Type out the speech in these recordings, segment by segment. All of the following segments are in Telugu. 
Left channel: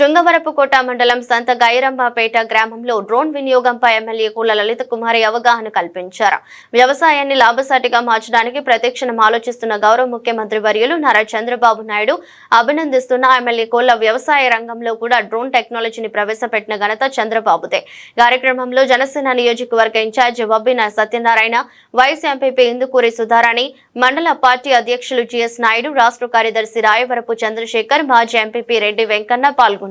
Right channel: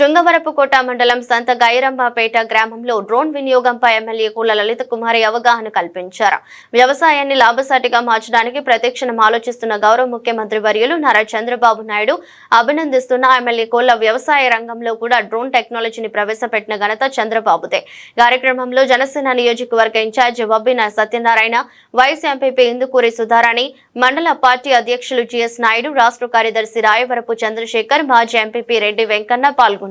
శృంగవరపుకోట మండలం సంత గైరంబాపేట గ్రామంలో డ్రోన్ వినియోగంపై ఎమ్మెల్యే కూల లలిత కుమారి అవగాహన కల్పించారు. వ్యవసాయాన్ని లాభసాటిగా మార్చడానికి ప్రతిక్షణం ఆలోచిస్తున్న గౌరవ ముఖ్యమంత్రి వర్యులు నారా చంద్రబాబు నాయుడు అభినందిస్తున్న ఎమ్మెల్యే కోల వ్యవసాయ రంగంలో కూడా డ్రోన్ టెక్నాలజీని ప్రవేశపెట్టిన ఘనత చంద్రబాబుదే. కార్యక్రమంలో జనసేన నియోజకవర్గ incharge Vabbina Satyanarayana vice MPP Indukuri Sudharani మండల పార్టీ అధ్యక్షులు జిఎస్ నాయుడు రాష్ట్ర కార్యదర్శి రాయవరపు చంద్రశేఖర్ మాజీ ఎంపీపీ రెడ్డి వెంకన్న పాల్గొన్నారు.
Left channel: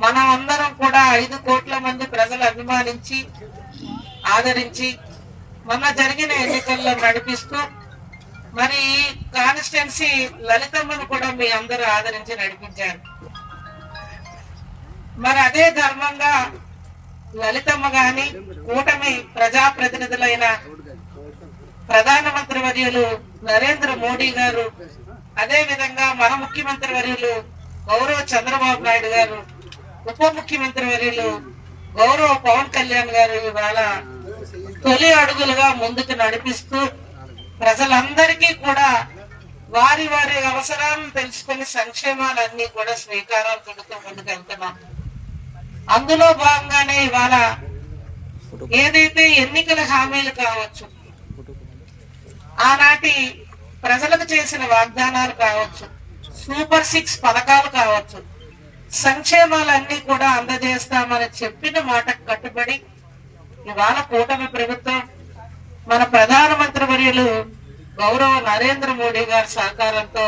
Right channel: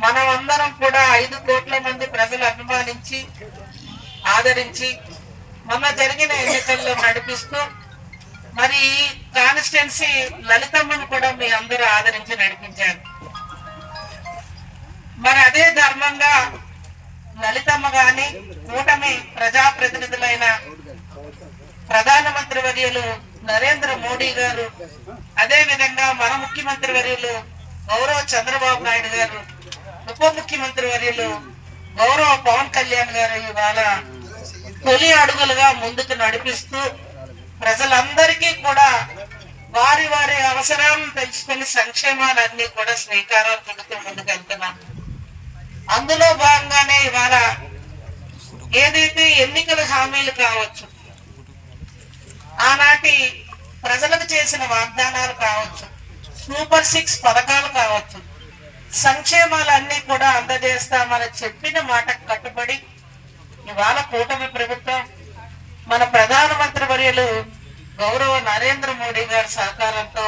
మనం అందరం కూడా ఐదు కోట్ల మంది ప్రజలు అభిమానించి ఆదరించి మొన్న జరిగిన ఎన్నికల్లో నడిపిస్తూ మరి కాన్స్టిట్యున్సీ లలితమ్మను కూడా మీ అందరూ ఆదరించి నడిపించారు. మరి అదే ధర్మంగా లలితమ్మ గాని కూటమి ప్రజాప్రతినిధులైన ప్రధానమంత్రి వర్యులు నరేంద్ర మోడీ గారు అదే విధంగా మన ముఖ్యమంత్రి వర్యులు గౌరవ చంద్రబాబు నాయుడు గారు ఉప ముఖ్యమంత్రి వర్యులు గౌరవ పవన్ కళ్యాణ్ గారు ఇవాళ తొలి అడుగులుగా ముందుకు నడిపిస్తూ ప్రజలందరికీ కూడా వారి వారి అవసరాలను తెలుసుకుని సంక్షేమాలన్నీ కూడా శ్రీకారం చుడుతూ ముందుకెళ్తున్నాం అందులో భాగంగానే ఇవాళ ఏదైతే ఎన్నికల హామీలు కావచ్చు ఆనాటి ప్రజలకు చేసిన వాగ్దానాలు కావచ్చు సూపర్ సిక్స్ పథకాలు కావచ్చు సంక్షేమాలన్నీ కూడా అందజేస్తామని చెప్పిన మాటకు కట్టుబడి ఇవాళ కూటమి ప్రభుత్వం మన ప్రధానమంత్రి వర్యులు గౌరవ నరేంద్ర మోడీ గారి సహకారంతో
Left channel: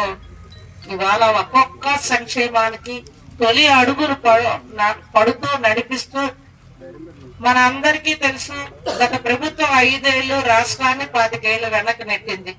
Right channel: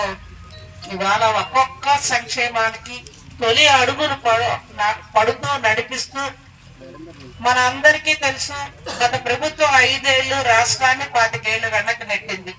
ఇవాళ ఒక్కొక్క సంక్షేమానికి తొలి అడుగును పడు- పడుతూ నడిపిస్తూ మన అందరికీ తెలుసు గత ప్రభుత్వం ఐదేళ్ళు రాష్ట్రాన్ని పాతికేళ్ళు వెనక్కి నెట్టింది.